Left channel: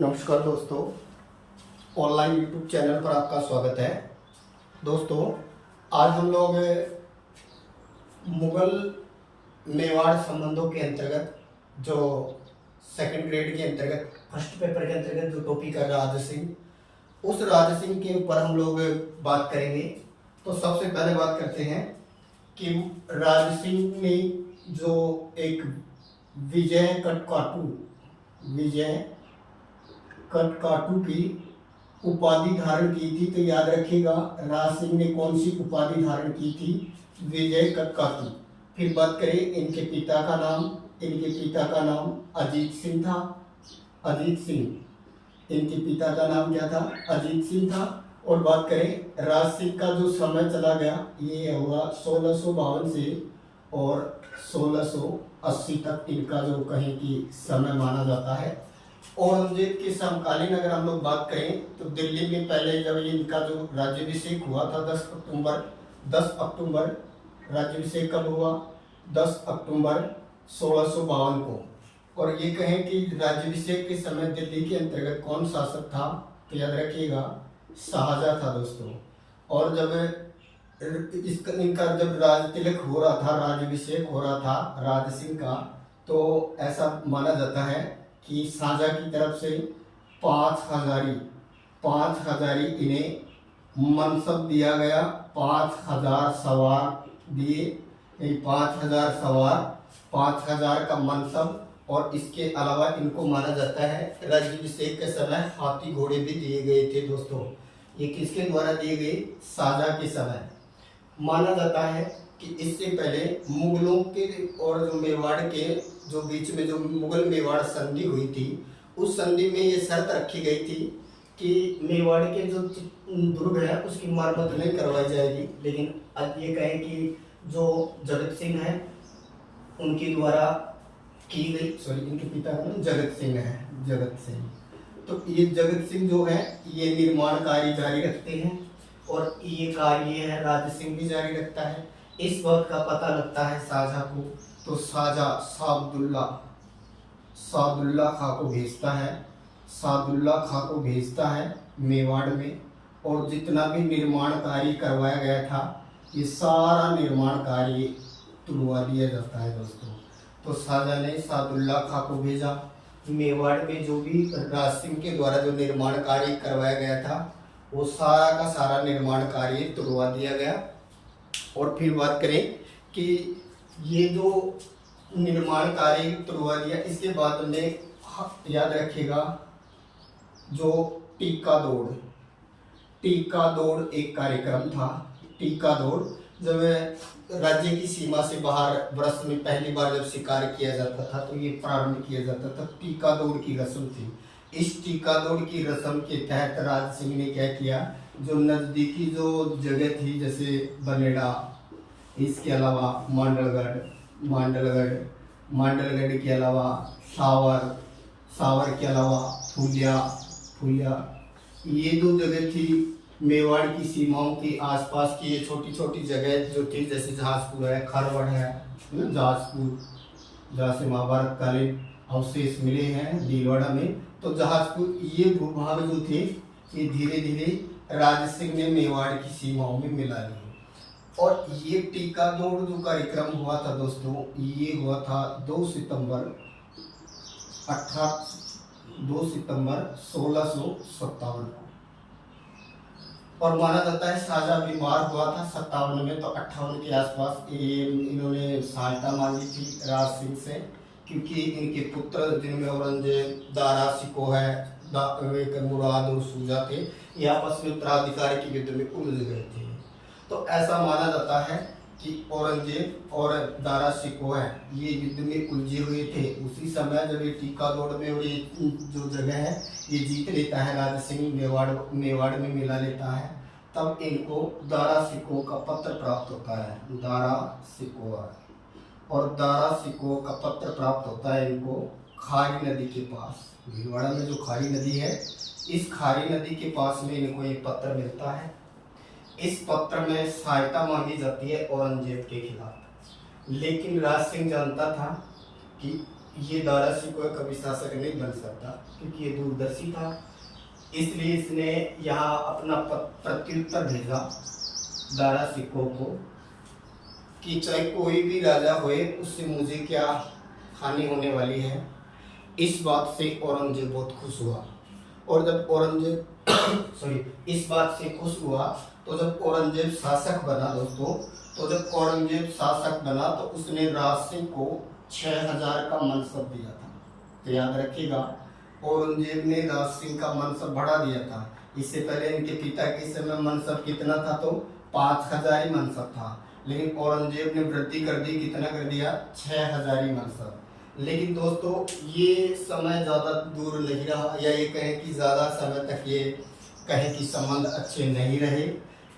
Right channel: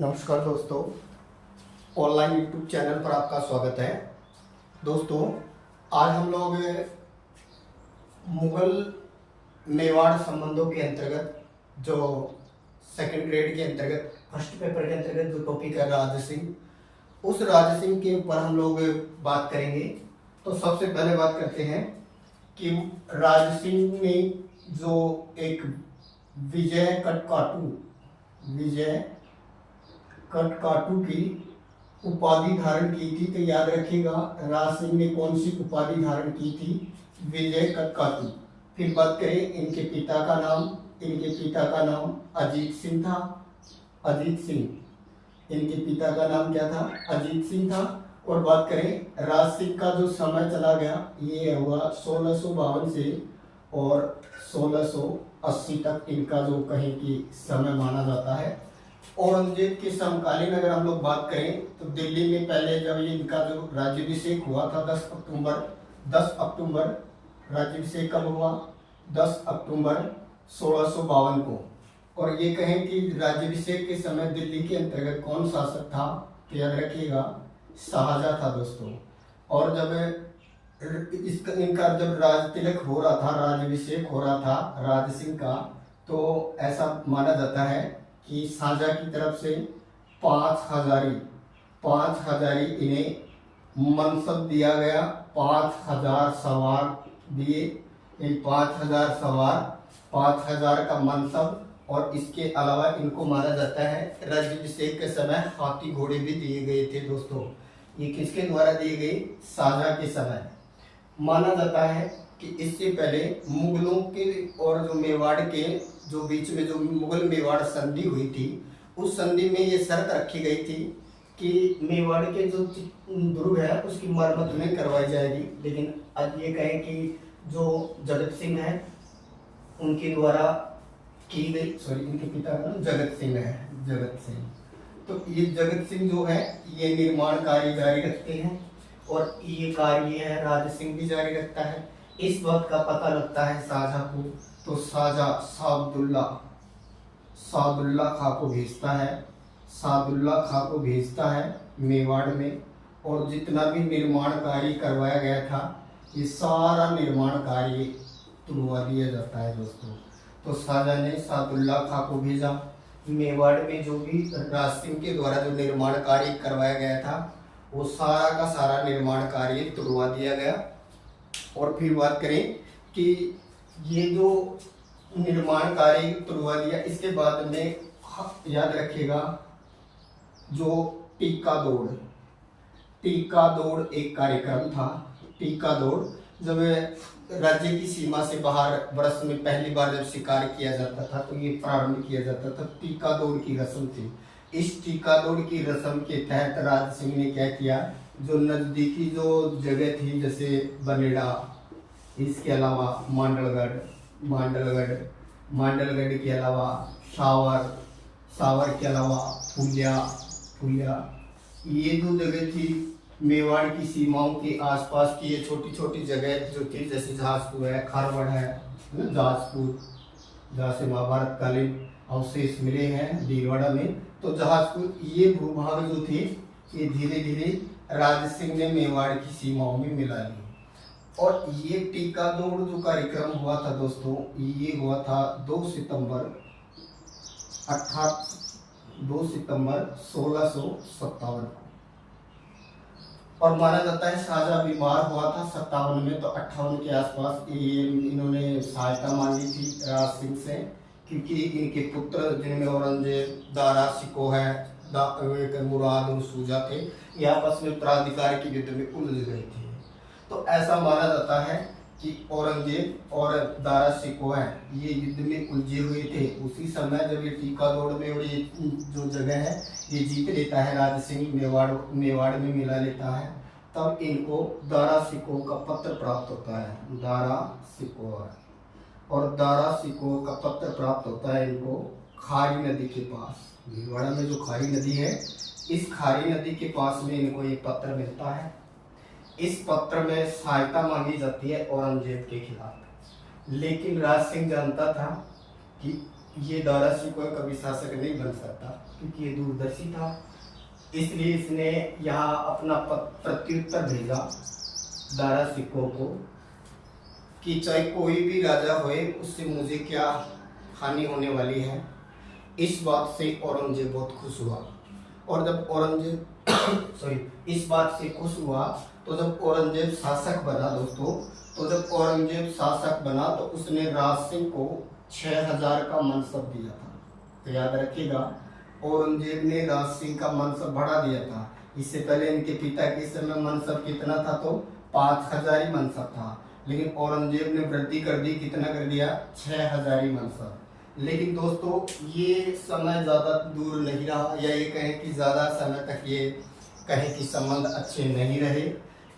नमस्कार दोस्तों, online YouTube channel पर आपका स्वागत है। दोस्तों, आज हम लोग मुगल मेवाड़ संबंधों के अंतर्गत जो सेकंड ग्रेड के अंतर्गत फर्स्ट पेपर के अंतर्गत जो टॉपिक है राज सिंह, उस राज सिंह के ऊपर हम लोग बात करेंगे। तो सबसे पहले बात करते हैं कि राज सिंह ने जो एक विजय कटकाटू की उपाधि धारण की थी। तो याद रखिएगा, राज सिंह ने कौन सी उपाधि धारण की थी? विजय कटकाटू। फिर बात करें इनके पिता का नाम अजीत सिंह था। इनके पिता का नाम क्या था? अजीत सिंह था। और बात करें राज सिंह का जो समय चला गया, ये हुआ 1652 से और 1680 तक इनका जो कहें कि समय माना जाता है। औरंगजेब के समकालीन अगर हम लोग बात करें तो दिल्ली में पहले जब इनका जो राज्याभिषेक हुआ था 10 अक्टूबर राज्याभिषेक कब हुआ? 10 अक्टूबर 1652 को। और ये कहें कि राज्याभिषेक के समय दिल्ली के अंतर्गत कौन शासक था? तो याद रखिएगा, शाहजहां था दोस्तों। और जब इनका जब राज तिलक हो रहा था, राज्याभिषेक हो रहा था राज सिंह का, तो ऐसा माना जाता है कि शाहजहां की तरफ से 5,000 इन्हें मनसब दिया गया। 5,000 सवार दिए। इन 5,000 सवार, 5,000 का मनसब, और इसके अलावा इनको माना जाता है राज्याभिषेक के समय हाथी घोड़े भी दिए गए थे दोस्तों। ये किसके द्वारा दिए गए? शाहजहां के समय। माना जाता है कि इससे पहले मुगलों के और जो मेवाड़ के जो बीच में जो मुगल मेवाड़ संधि हुई थी, उस संधि में ये शर्त रखी गई थी कि मेवाड़ के जो दुर्ग है उसकी मरम्मत नहीं करवाई जाएगी। लेकिन आज ये कहें कि जो जगत सिंह है उनके द्वारा की गई, इनके पिता का नाम जगत सिंह है। तो ये जगत सिंह जो है ये निर्माण कार्य जारी रखते हैं, और ये कार्य है राज सिंह भी जारी रखता है। इस बात का पता लगता है शाहजहां को, तो शाहजहां सादुल्ला खां को भेजता है मेवाड़ में। और जितना भी निर्माण कार्य करवाया गया था, ये सारा निर्माण कार्य तुड़वा दिया जाता है दोस्तों। तो शाहजहां ने सादुल्ला खां को भेजा मेवाड़ में। जो भी राज सिंह के द्वारा जो निर्माण कार्य करवाया गया था, वो सारा का सारा निर्माण कार्य तुड़वा दिया गया। और फिर बात करें कि ये जो निर्माण कार्य तुड़वा दिया, इसके बाद में याद रखिएगा जो टीका दौड़ एक कार्यक्रम था। टीका दौड़ जब राज्य की सीमा से बाहर वर्ष में पहली बार जब शिकार किया जाता था, तो ये प्रारंभ किया जाता था। टीका दौड़ की रस्म थी। इस टीका दौड़ की रस्म के तहत राज सिंह ने क्या किया, जो नजदीकी जो जगह थी जैसे बनेड़ा, इसके अलावा मांडलगढ़ के अलावा सावर के अलावा फुलिया, ये दो जगह थी मेवाड़ की सीमाओं के आसपास की। ये छोटी छोटी जगह जो थी, जैसे जहाजपुर है, खरवड़ है, जहाजपुर, जहाँ से महाभारत कालीन अवशेष मिले हैं भीलवाड़ा में। तो जहाजपुर, ये भूभाग जो थे, ये धीरे धीरे राज सिंह ने मेवाड़ की सीमाओं में मिला लिए। और ये टीका दौड़ जो कार्यक्रम हुआ था दोस्तों, ये हुआ था 2 सितंबर 1657 को। और माना जाता है शाहजहां बीमार हुआ था 57 में, तो 58 के आसपास ये इन्होंने सहायता मांगी थी राज सिंह से, क्योंकि इनके पुत्र जिनमें औरंगजेब, दारा सिकोह है, एक मुराद और सूजा थे, ये आपस में उत्तराधिकारी की युद्ध में उलझ गए थे। तो ऐसा माना जाता है कि औरंगजेब और दारा सिकोह है, ये युद्ध में उलझे हुए थे। उसी समय जब ये टीका दौड़ में और ये जो जगह है ये जीत लेता है राज सिंह, मेवाड़ में मिला लेता है, तब इनको दारा सिकोह का पत्र प्राप्त होता है। दारा सिकोह का पत्र प्राप्त होता है इनको खारी नदी के पास। भीलवाड़ा में जो खारी नदी है, इस खारी नदी के पास में इनको ये पत्र मिलता है। इस पत्र में सहायता मांगी जाती है औरंगजेब के खिलाफ। लेकिन राज सिंह जानता था कि ये दारा शिकोह कभी शासक नहीं बन सकता क्योंकि ये दूरदर्शी था, इसलिए इसने यहाँ अपना प्रत्युत्तर भेजा दारा शिकोह को कि चाहे कोई भी राजा होए उससे मुझे क्या हानि होने वाली है। इस बात से औरंगजेब बहुत खुश हुआ, और जब औरंगजेब इस बात से खुश हुआ तो जब औरंगजेब शासक बना दोस्तों, तो जब औरंगजेब शासक बना तो उसने राज सिंह को 6000 का मनसब दिया था। तो याद रखिएगा, औरंगजेब ने राज सिंह का मनसब बढ़ा दिया था। इससे पहले इनके पिता के समय मनसब कितना था, तो 5000 ही मनसब था, लेकिन औरंगजेब ने वृद्धि कर दी, कितना कर दिया, 6000 ही मनसब। लेकिन दोस्तों ये समय ज़्यादा दूर नहीं रहा, या ये कहें कि ज़्यादा समय तक ये कहें कि संबंध अच्छे नहीं रहे।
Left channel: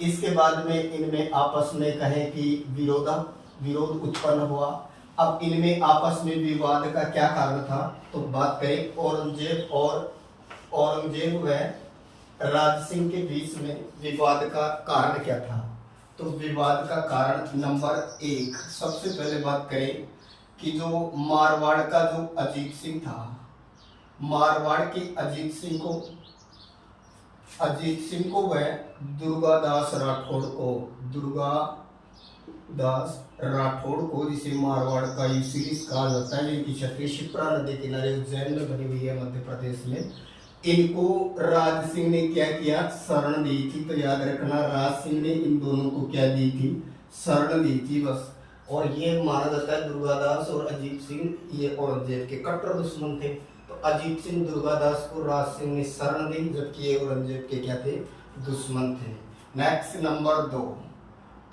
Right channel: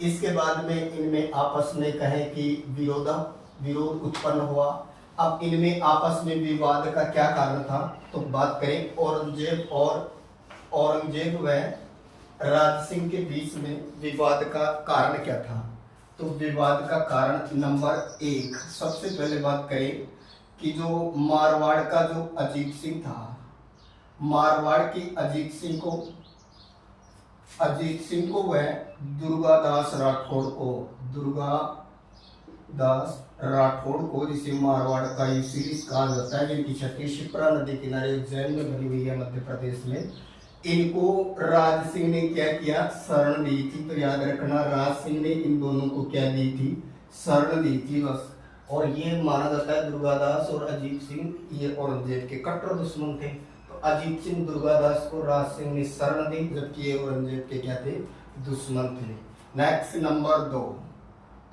इसके बाद में इनमें आपस में कहें कि विरोध उत्पन्न हुआ। अब इनमें आपस में विवाद का क्या कारण था, तो बात करें औरंगजेब व राज सिंह के बीच में विवाद का कारण क्या था। तो विवाद का कारण नंबर 1, सबसे पहले बात करें कि जो मारवाड़ का जो अजीत सिंह था, मारवाड़ के अजीत सिंह को वह दुर्गादास राठौड़ को जिसे मारवाड़ का यूसिलिस कहा जाता है, जिनकी छठी शिप्रा नदी किनारे उज्जैन में बनी हुई है मध्य प्रदेश में, इनको राज सिंह ने क्या किया, शरण दी थी। तो याद रखना, राज सिंह ने इन दोनों को क्या दी थी, शरण दी थी बस। और ये माना जाता है दुर्गादास और अजीत सिंह ये औरंगजेब के कट्टर दुश्मन थे। तो अजीत सिंह दुर्गादास को राज सिंह ने शरण दी, जबकि ये औरंगजेब के क्या थे, दुश्मन थे। नेक्स्ट नंबर 2,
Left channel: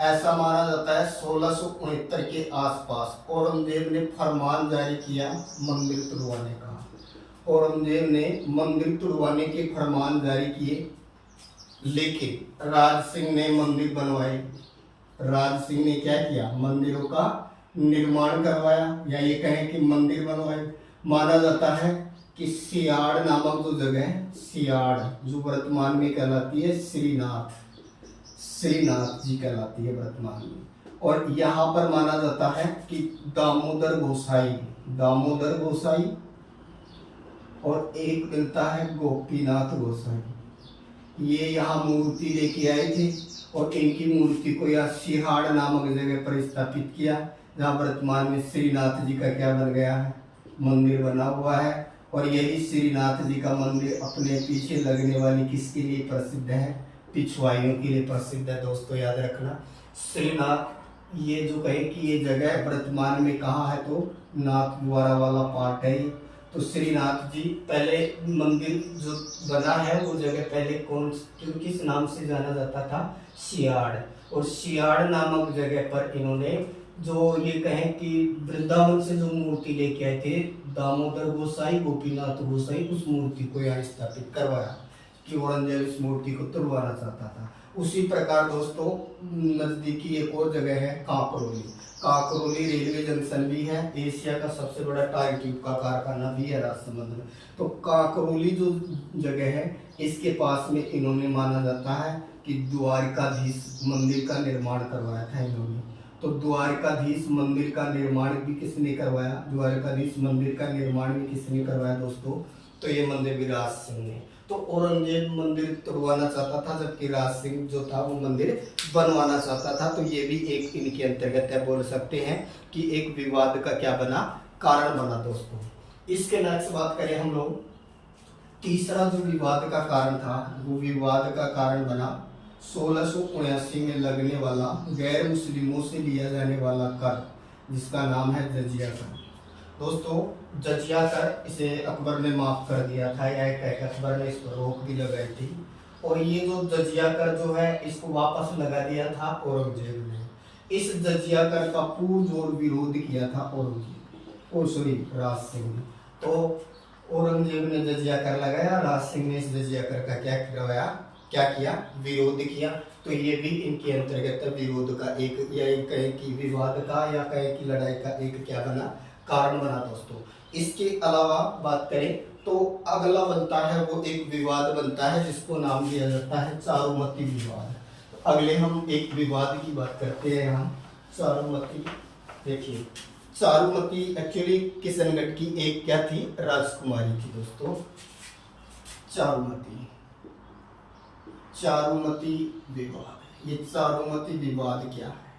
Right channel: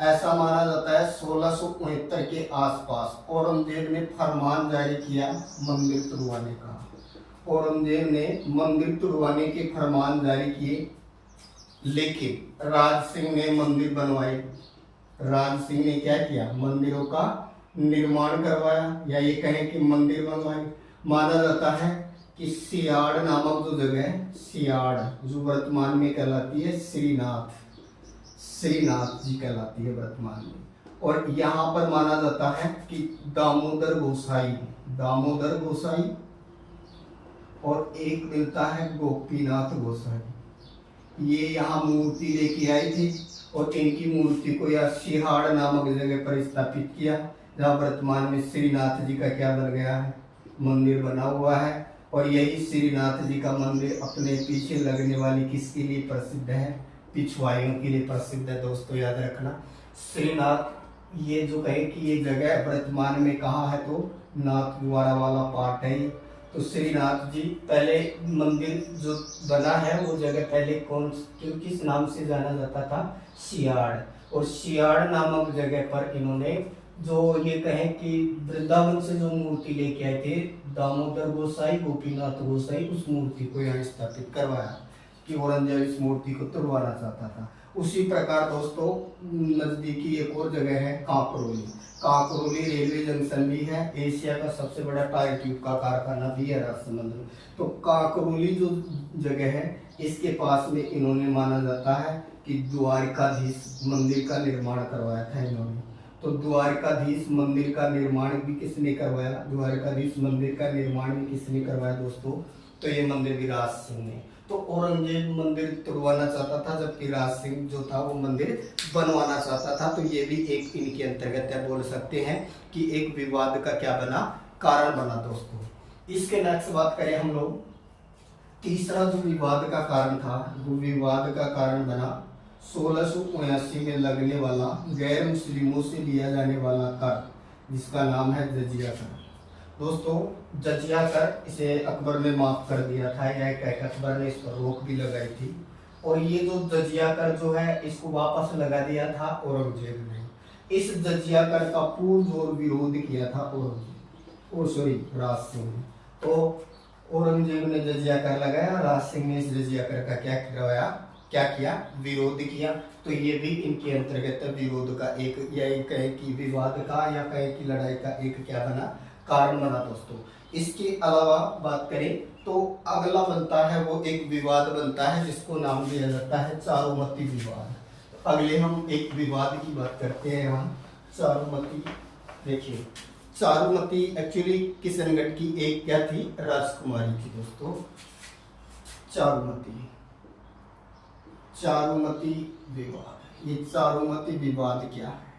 ऐसा माना जाता है 1669 के आसपास औरंगजेब ने फरमान जारी किया मंदिर तुड़वाने का। औरंगजेब ने मंदिर तुड़वाने के फरमान जारी किए, लेकिन राज सिंह ने मंदिर बनवाए। राज सिंह ने क्या किया, मंदिरों का निर्माण करवाया, या ये कहें कि मंदिर बनवाए। माना जाता है कि सियाड़ नामक जो जगह है, सियाड़ जो वर्तमान में कहलाती है श्रीनाथ जी कहलाती है वर्तमान में। और यहाँ पर माना जाता है कि दामोदर गोसाई और एक मिलता है गोपीनाथ गोसाई, ये यहाँ मूर्ति लेके आए थे और इनकी मूर्ति को यह सिहाड़ नामक जगह पर स्थापित किया, जहाँ वर्तमान में श्रीनाथ जी का क्या बन गया है, मंदिर बना हुआ है। और यही श्रीनाथ जी का मंदिर अपने पीछे लगने वाली किसके लिए प्रसिद्ध है, पिछवाइयों के लिए प्रसिद्ध है। दोस्तों याद रखना, श्रीनाथ ये जो कहे कि ये जगह वर्तमान में कहाँ है, तो नाथ द्वारा वाला पार्ट है। तो श्रीनाथ जी पहले मंदिर जो बना है वो जगह पहले किस नाम से जाना जाता था, सियाड़। और सियाड़ नामक जगह पर इन्होंने जो ये कहें कि वृंदावन से जो मूर्ति लेके आए थे दामोदर गोसाई गोपीनाथ गोसाई, उस मूर्ति को यहाँ स्थापित करवाया कि औरंगजेब इस मूर्ति को तुड़वाना चाहता था। उसी प्रकार दोस्तों नजदीकी एक और जगह है कांकरोली रेलवे जंक्शन भी है, एशिया का सबसे बड़ा टायर ट्यूब का कारखाना भी है राजसमंद में। तो कांकरोली जो जगह है इसके पास में इन्होंने माना जाता है कि द्वारिकाधीश मंदिर का निर्माण करवाया था इन्होंने। तो द्वारिकाधीश मंदिर का निर्माण भी किसने करवाया, द्वारिकाधीश मंदिर का निर्माण भी किसने करवाया दोस्तों, तो ये मंदिर भी राज सिंह ने। तो औरंगजेब मंदिर तुड़वाना चाहता था, जबकि राज सिंह जो था वो मंदिर बनवाना चाहता था। तो ये भी एक इनके अंतर्गत है, बोल सकते हैं कि एक विवाद का क्या बना, कारण बना दोस्तों। इसके नेक्स्ट बात करें हम लोग, तीसरा जो विवाद का कारण था, वो विवाद का कारण बना 1679 में लगने वाला गैर मुस्लिमों से लिया जाने वाला कर, जिसका नाम है जजिया कर। दोस्तों जजिया कर इसे अकबर ने माफ कर दिया था, या एक अकबर ने इस पर रोक भी लगाई थी। और ये जो जजिया कर जो है इसको वापस लगा दिया था औरंगजेब ने। इस जजिया कर का पुरजोर विरोध किया था राज सिंह ने। तो औरंगजेब ने जजिया कर लगाया, राज सिंह ने इस जजिया कर का क्या किया, विरोध किया। तो ये भी इनके अंतर्गत विरोध का एक, या कहे कि विवाद का, या कहे कि लड़ाई का एक क्या बना, कारण बना दोस्तों। इसके अलावा बात करें तो अगला बनता है वो एक विवाद बनता है जिसको नाम दिया जाता है चारुमती विवाद। तो अगले हम एक विवाद की बात करते हैं यहाँ, चारुमती। देखिए चारुमती एक्चुअली किशनगढ़ की एक क्या थी, राजकुमारी थी दोस्तों। चारुमती, चारुमती विवाद। ये चारुमती विवाद क्या है?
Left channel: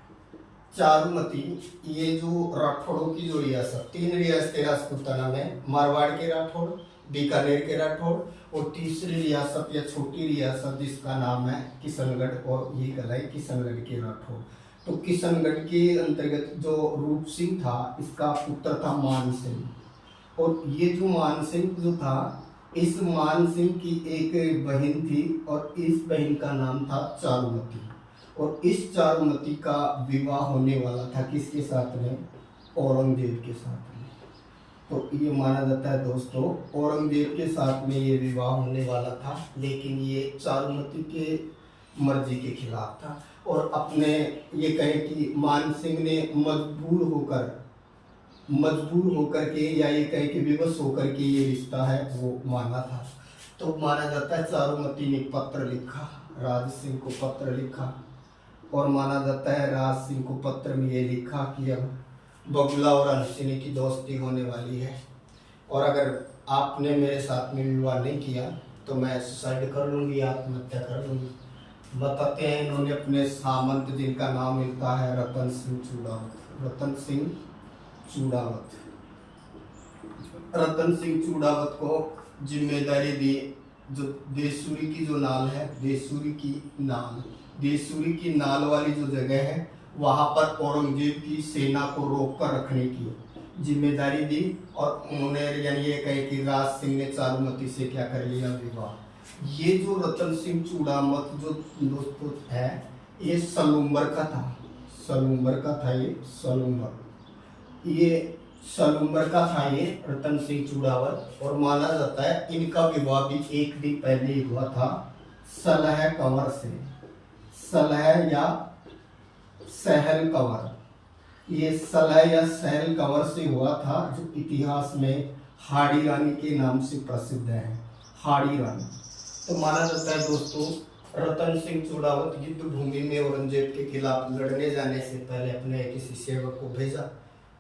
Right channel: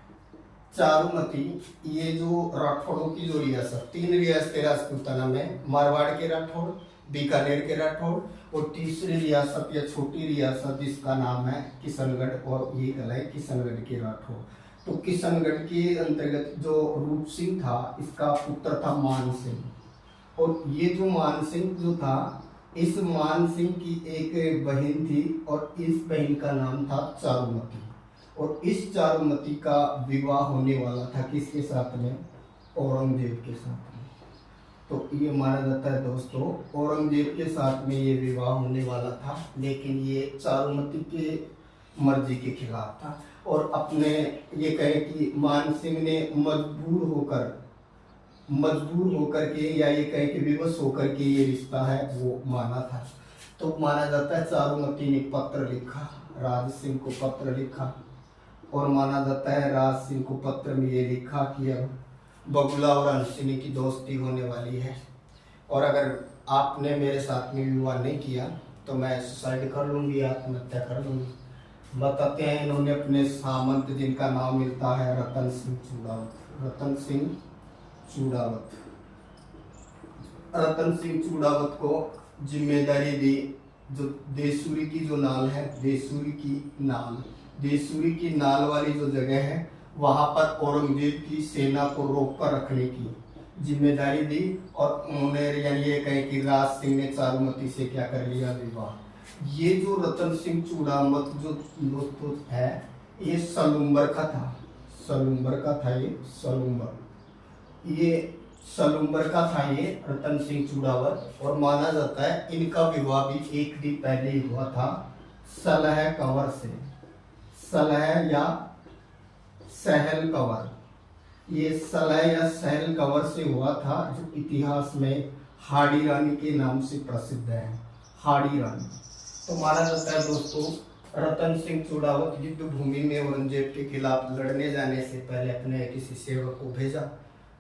चारुमती, ये जो राठौड़ों की जो रियासत, 3 रियासतें राजपूताना में, मारवाड़ के राठौड़, बीकानेर के राठौड़ और तीसरी रियासत या छोटी रियासत जिसका नाम है किशनगढ़, और ये कहलाए किशनगढ़ के राठौड़। तो किशनगढ़ के अंतर्गत जो रूप सिंह था, इसका पुत्र था मान सिंह, और ये जो मान सिंह जो था, इस मान सिंह की एक बहन थी और इस बहन का नाम था चारुमती, और इस चारुमती का विवाह होने वाला था किसके साथ में? औरंगजेब के साथ में। तो ये माना जाता है दोस्तों औरंगजेब के साथ में ये विवाह होने वाला था, लेकिन ये चारुमती के मर्जी के खिलाफ था, और अपने ये कहें कि मान सिंह ने मजबूर होकर के या ये कहें कि विवश होकर के ये रिश्ता है वो माना था। तो माना जाता है चारुमती ने पत्र लिखा, राज सिंह को पत्र लिखा, और माना जाता है राज सिंह को पत्र में ये लिखा कि अब बगुला और हंसिनी की दोस्ती होने वाली है, और अगर आपने मेरे साथ में विवाह नहीं किया तो मैं सुसाइड कर लूँगी, आत्महत्या कर लूँगी। बताते हैं इन्होंने अपने सामंत जिनका नाम मिलता है रतन सिंह चूड़ावत, रतन सिंह चूड़ावत को जिम्मेदारी दी, जो देसूरी की जो नाल है, देसूरी की नाल वाली जो जगह है, वहां पर औरंगजेब की सेना को रोक कर रखने की जिम्मेदारी दी, और उन्होंने यानी ये कहे कि राज सिंह ने चारुमती से क्या कर लिया, विवाह। ये जो रतन सिंह चूड़ावत जो दोस्तों है, ये सलूम्बर का था, ये रतन सिंह चूड़ावत, और माना जाता है इनका विवाह भी एक दिन पहले ही हुआ था सलह कंवर से, सलह या सहल कंवर, ये सलह या सहल कंवर से हुआ था, जो इतिहास में हाड़ी रानी के नाम से प्रसिद्ध है, हाड़ी रानी। तो माना जाता है दोस्तों रतन सिंह चूड़ावत युद्ध भूमि में औरंगजेब के खिलाफ लड़ने जाने से पहले अपने किसी सेवक को भेजा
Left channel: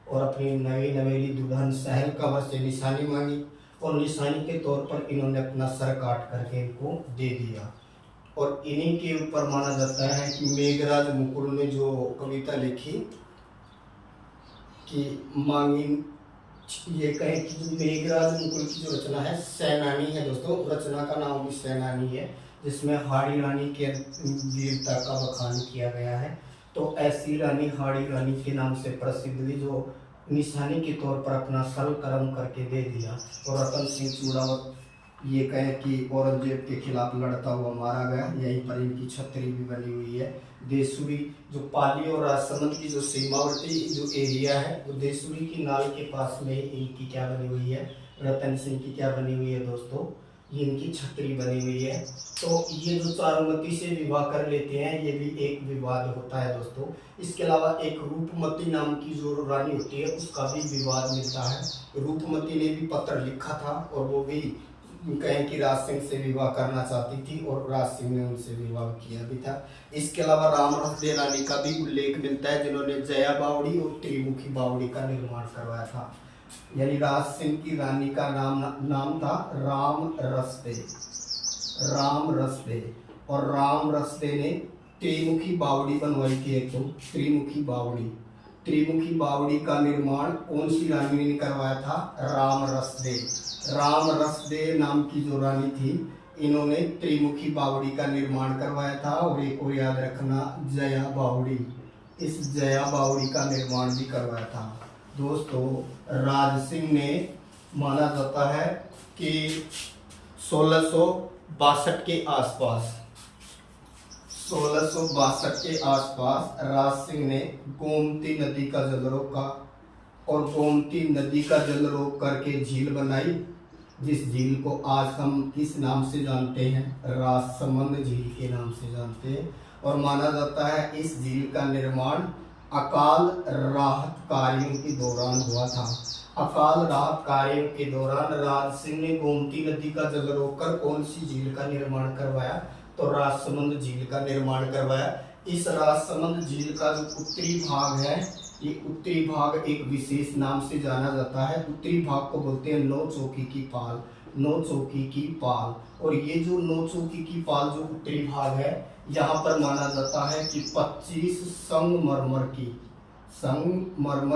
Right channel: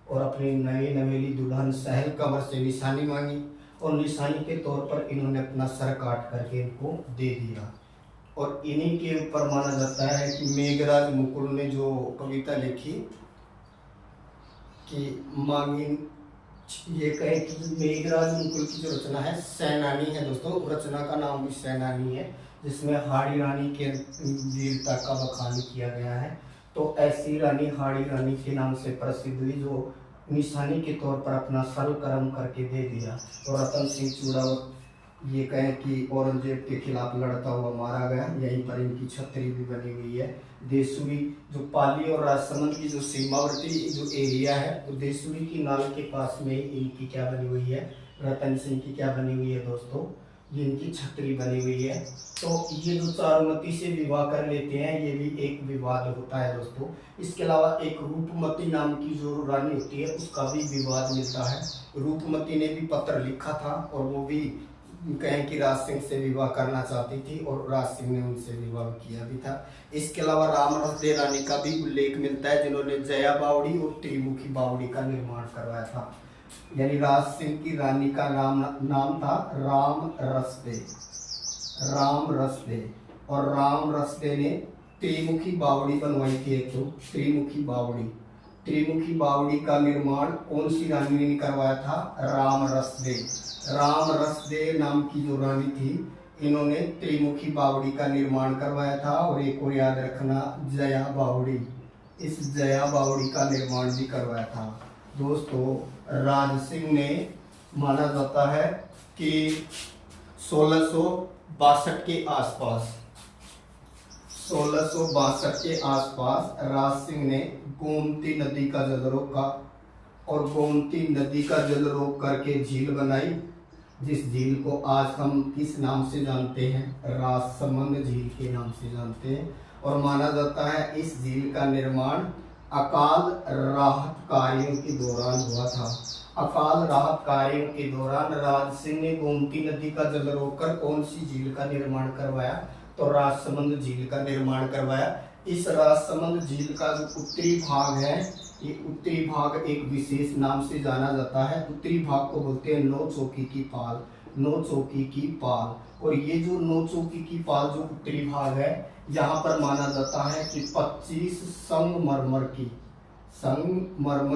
और अपनी नई नवेली दुल्हन सहल कंवर से निशानी मांगी, और निशानी के तौर पर इन्होंने अपना सर काट करके इनको दे दिया। और इन्हीं के ऊपर माना जाता है कि मेघराज मुकुल ने जो कविता लिखी कि मांगी, ये कहे कि जो मेघराज मुकुल की जो रचना है सैनानी है दोस्तों, रचना का नाम भी सैनानी है, जिसमें हाड़ी रानी के वीरता का बखान किया गया है। तो ऐसी रानी हाड़ी रानी के नाम से प्रसिद्ध हुई, जो निशानी के तौर पर अपना सर कर्म करके दे दिया। और रतन सिंह चूड़ावत ये कहे कि औरंगजेब के खिलाफ लड़ता हुआ मारा गया। यहीं पर इनकी छतरी भी बनी हुई है। देसूरी जो पाली और राजसमंद की जो सीमावर्ती जो एरिया है, वो देसूरी की नाल के पास में इनकी क्या बनी हुई है, रतन सिंह की क्या बनी हुई है दोस्तों, ये इनकी छतरी बनी हुई है। तो ये जो चारुमती से विवाह कर लेते हैं, ये भी एक विवाद होता है दोस्तों। इसके अलावा एक रूपमती नाम की जो रानी होती है, उसका भी विवाद मिलता है। रूपमती ने भी पत्र लिखा था, और वो भी कहें कि राज सिंह से विवाह करना चाहती थी, और राज सिंह ने उनसे विवाह किया भी था। इसके अलावा राम रसदे रानी का भी उल्लेख मिलता है, जिन्होंने जया बावड़ी और त्रिमुखी बावड़ी का निर्माण करवाया था। यानी राज सिंह की रानी का नाम था राम रसदे, और राम रसदे ने त्रिमुखी बावड़ी बनवाई थी। एक तो त्रिमुखी बावड़ी का निर्माण कौन सी रानी ने करवाया था, राम रसदे नाम की जो रानी थी, इन्होंने त्रिमुखी बावड़ी का निर्माण करवाया था। और एक और याद रखना, जया बावड़ी, इस जया बावड़ी का निर्माण भी करवाया था दोस्तों। राज सिंह ने माना जाता है कि 1662 के आसपास राज सिंह ने गोमती नदी का जल रोका, और गोमती नदी का जल रोक करके झील बनाई, जिस झील को आज हम किस नाम से जानते हैं, राजसमंद झील के नाम से जानते हैं। और माना जाता है इस झील का निर्माण अकाल राहत कार्यों के दौरान हुआ था। अकाल राहत कार्यों के दौरान राज सिंह ने गोमती नदी का जल रोककर कौन सी झील का निर्माण करवाया, तो राजसमंद झील का निर्माण करवाया। इस राजसमंद झील का जो उत्तरी भाग है, ये उत्तरी भाग एक विशेष नाम से जाना जाता है। उत्तरी भाग को बोलते हैं नौ चौकी की पाल, नौ चौकी की पाल। और ये जो नौ चौकी की पाल जो उत्तरी भाग है, यहाँ पर माना जाता है कि 25 संगमरमर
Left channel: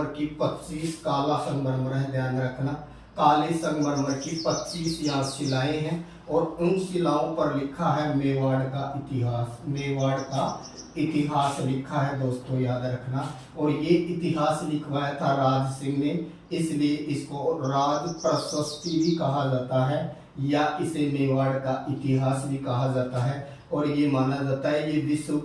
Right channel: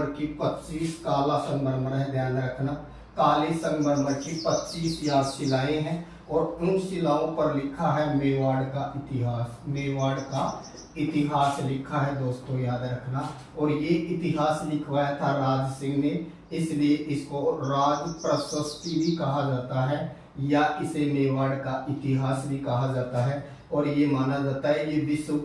की 25 काला संगमरमर है, ध्यान रखना, काले संगमरमर की 25 यहाँ शिलाएं हैं। और उन शिलाओं पर लिखा है मेवाड़ का इतिहास, मेवाड़ का इतिहास लिखा है दोस्तों, याद रखना। और ये इतिहास लिखवाया था राज सिंह ने, इसलिए इसको राज प्रशस्ति भी कहा जाता है या इसे मेवाड़ का इतिहास भी कहा जाता है। और ये माना जाता है ये विश्व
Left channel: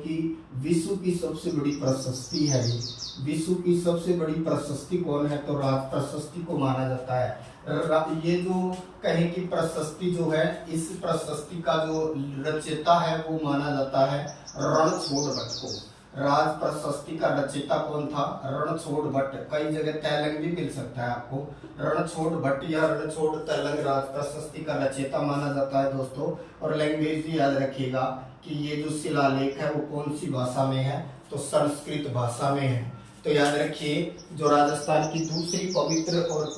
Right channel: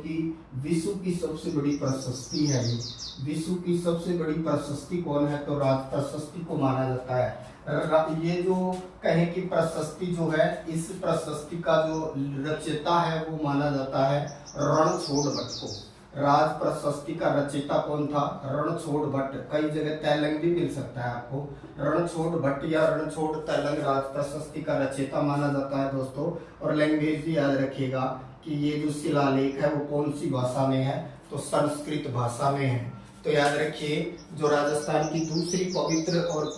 की सबसे बड़ी प्रशस्ति है। ये विश्व की सबसे बड़ी प्रशस्ति कौन है, तो राज प्रशस्ति को माना जाता है। ये जो कहें कि प्रशस्ति जो है, इस प्रशस्ति का जो रचयिता है वो माना जाता है रणछोड़ भट्ट को। राज प्रशस्ति का रचयिता कौन था, रणछोड़ भट्ट। कई जगह तैलंग भी मिल सकता है आपको, रणछोड़ भट्ट या रणछोड़ तैलंग राज प्रशस्ति का रचयिता माना जाता है दोस्तों। और लैंग्वेज भी याद रखिएगा कि ये जो शिलालेख है वो कौन सी भाषा में है, तो संस्कृत भाषा में है। तो याद रखिए, जो राजस्थान की दूसरी पवित्र और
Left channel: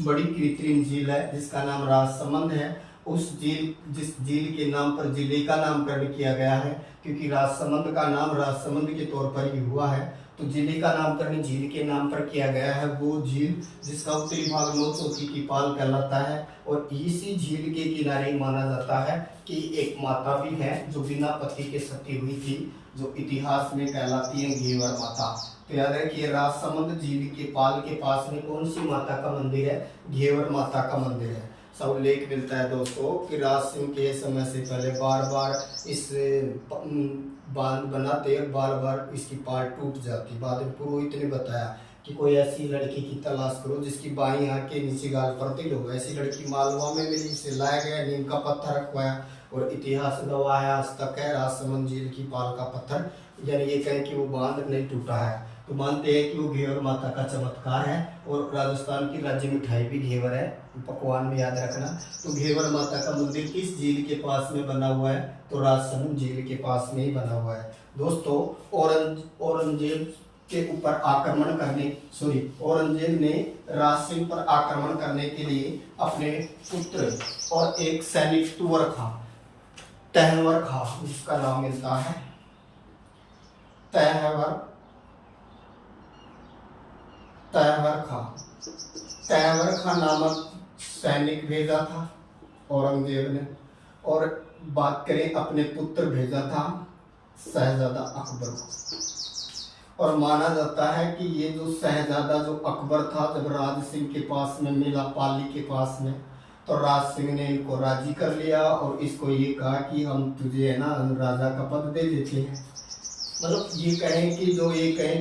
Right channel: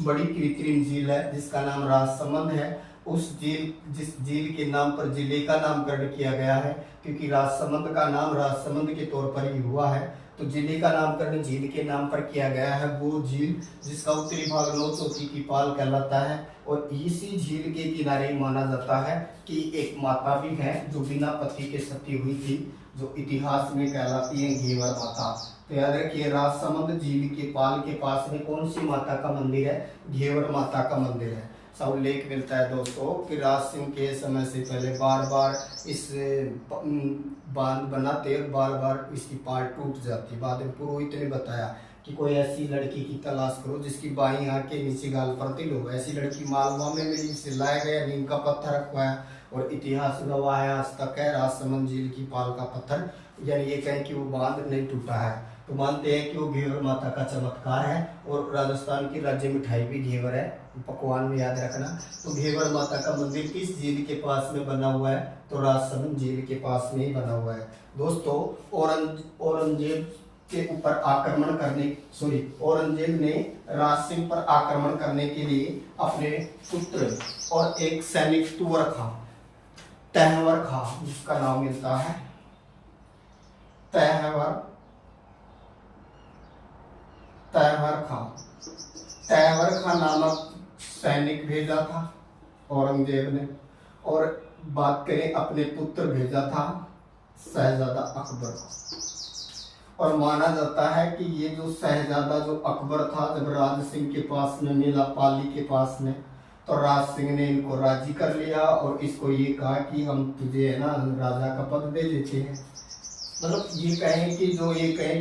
बड़ी कृत्रिम झील है जिसका नाम राजसमंद है, जिस झील के नाम पर जिले का नामकरण किया गया है, क्योंकि राजसमंद का नाम राजसमंद के तौर पर ही हुआ है, तो जिले का नामकरण झील के नाम पर किया गया है। वो झील जिसका उत्तरी भाग नौ चौकी की पाल कहलाता है। और इसी झील के किनारे माना जाता है कि एक माता भी है जो बिना पति के सती हुई थी, जो इतिहास में कहलाती है घेवर माता। तो याद रखिए, राजसमंद झील के पाल के पास में कौन सी माता का मंदिर है, घेवर माता का मंदिर है। सब उल्लेख मिलता है दोस्तों कि राज सिंह के समय से पहले बार बार इस बांध बनाते और बार बार इसकी पाल टूट जाती। बाद में पुरोहित ने बताया कि कोई ऐसी लड़की की तलाश करो जिसकी बाईं आंख के नीचे गाल पर तिल हो। ऐसी लड़की मालवा में मिली, इसे लाया गया, नीम का पत्थर रखवाया और इतिहास गवाह है आज तक है राजसमंद झील की पाल का पत्थर। यानी ये कहें कि वो बांध नहीं टूटा है, तो मानते हैं कि वो घेवर माता का चमत्कार है। और राजस्थान की राज्य मिठाई भी घेवर है, पकवान में याद रखना। तो घेवर माता का मंदिर किस झील के पास में बना हुआ है, तो राजसमंद झील के पास में ही बना हुआ है दोस्तों। औरंगजेब के ऊपर आक्रमण करने औरंगजेब ने राज सिंह पर आक्रमण करने के लिए अपने पुत्र और एक सैनिक तहवर खां, जिसका नाम मिलता है तहवर खां नामक सैनिक भेजा था औरंगजेब ने। और बात करें, अपने पुत्र भेजा था शहजादा अकबर को। और माना जाता है कि ये जो शहजादा जो अकबर था, जब राज सिंह के पास में मिला, पाली के पास में, तो राज सिंह ने इनको राजी कर लिया और इसको ये कहा कि हम तुझे है ना राजा का पद दे देते हैं। मतलब ये कहें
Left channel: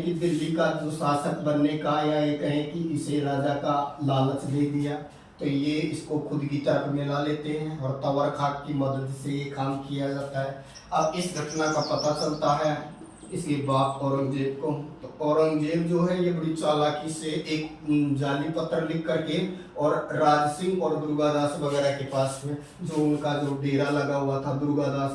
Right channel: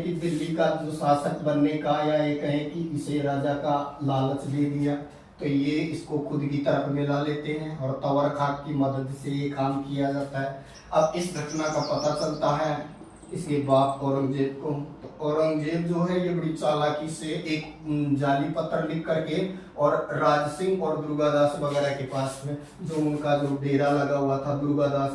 कि दिल्ली का जो शासक बनने का, या ये कहें कि इसे राजा का लालच दे दिया, तो ये इसको खुद की तरफ मिला लेते हैं और तवर खां की मदद से ये काम किया जाता है। अब इस घटना का पता चलता है इसके बाप औरंगजेब को। तो औरंगजेब जो है ये बड़ी चालाकी से एक जाली पत्र लिख करके और राज सिंह और दुर्गादास वगैरह के पास में, जो उनका जो डेरा लगा हुआ था दुर्गादास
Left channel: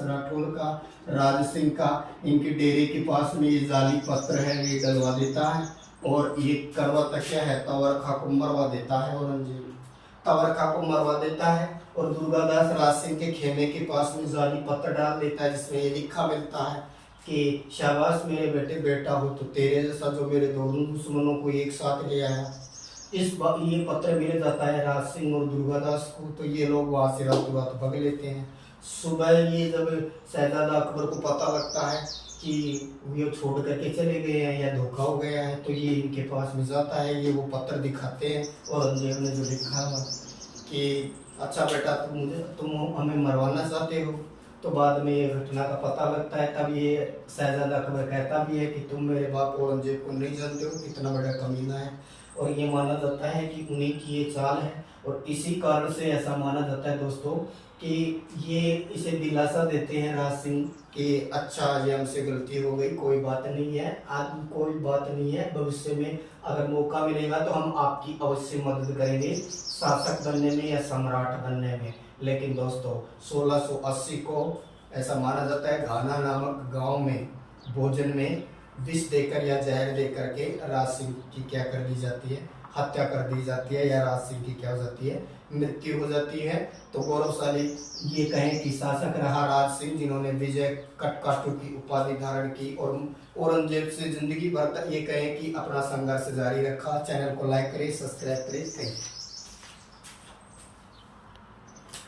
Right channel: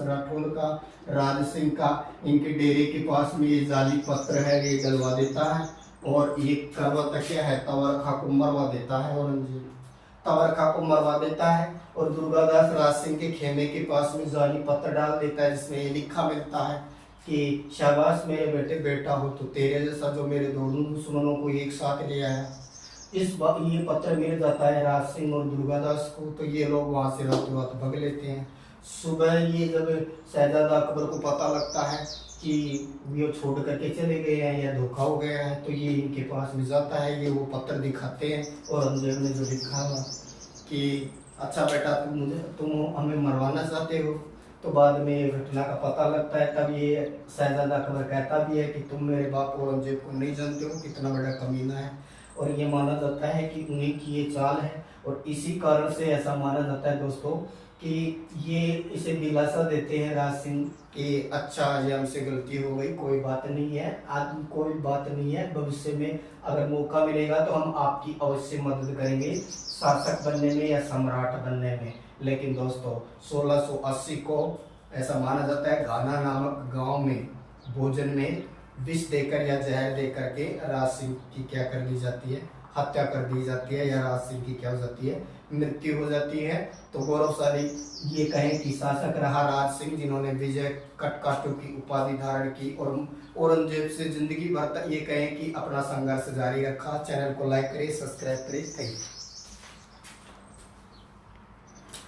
राठौड़ का, राज सिंह का, इनके डेरे के पास में ये जाली पत्र है ये डलवा देता है। और ये करवाता क्या है, तवर खां को मरवा देता है औरंगजेब, तवर खां को मरवा देता है। और दुर्गादास राज सिंह के खेमे के पास में जाली पत्र डाल देता है, जिसमें ये लिखा मिलता है कि शाबाश मेरे बेटे, बेटा हो तो तेरे जैसा जो मेरे दोनों दुश्मनों को एक साथ ले आया। ये पत्र मिल जाता है राज सिंह और दुर्गादास को, तो ये लोग वहां से रातों रात भग लेते हैं। सुबह ये जब शहजादा अकबर को पता लगता है कि ये छोड़ करके चले गए हैं या धोखा हो गया है, तो ये इनके पास में जाता है, ये वो पत्र दिखाते हैं। औरंगजेब ने जो लिखा है कि अच्छा बेटा तुम हमें मरवाना चाहते हो। तो बाद में ये घटना का पता लगता है, तब ये शहजादा अकबर कहता भी है कि तुम मेरे बाप औरंगजेब को नहीं जानते हो, कितना बड़ा कमीना है। और ये माना जाता है कि उन्हीं की ये चाल है। और इसी कारण से ऐसा माना जाता है दोस्तों कि ये इसे दिलासा देते हैं राज सिंह कि अच्छा ये हमसे गलती हो गई, कोई बात नहीं है, भविष्य में अगर मौका मिलेगा तो हम आपकी अवश्य मदद करेंगे शासक बनने में या सम्राट बनने में। लेकिन दोस्तों 1680 को ऐसा माना जाता है घाना नामक गांव में भोजन में विष देकर या जहर देकर के राज सिंह की क्या कर दी जाती है, हत्या कर दी जाती है, या राज सिंह की क्या हो जाती है, मृत्यु हो जाती है। तो गौरवशाली ये कहें कि शासक रहा राज सिंह, जिन्होंने विजय कटकाटू की उपाधि धारण की और औरंगजेब से जिंदगी भर तक ये कहें कि अपना संघर्ष जारी रखा। चैनल को लाइक करें, सब्सक्राइब करें। Thank you.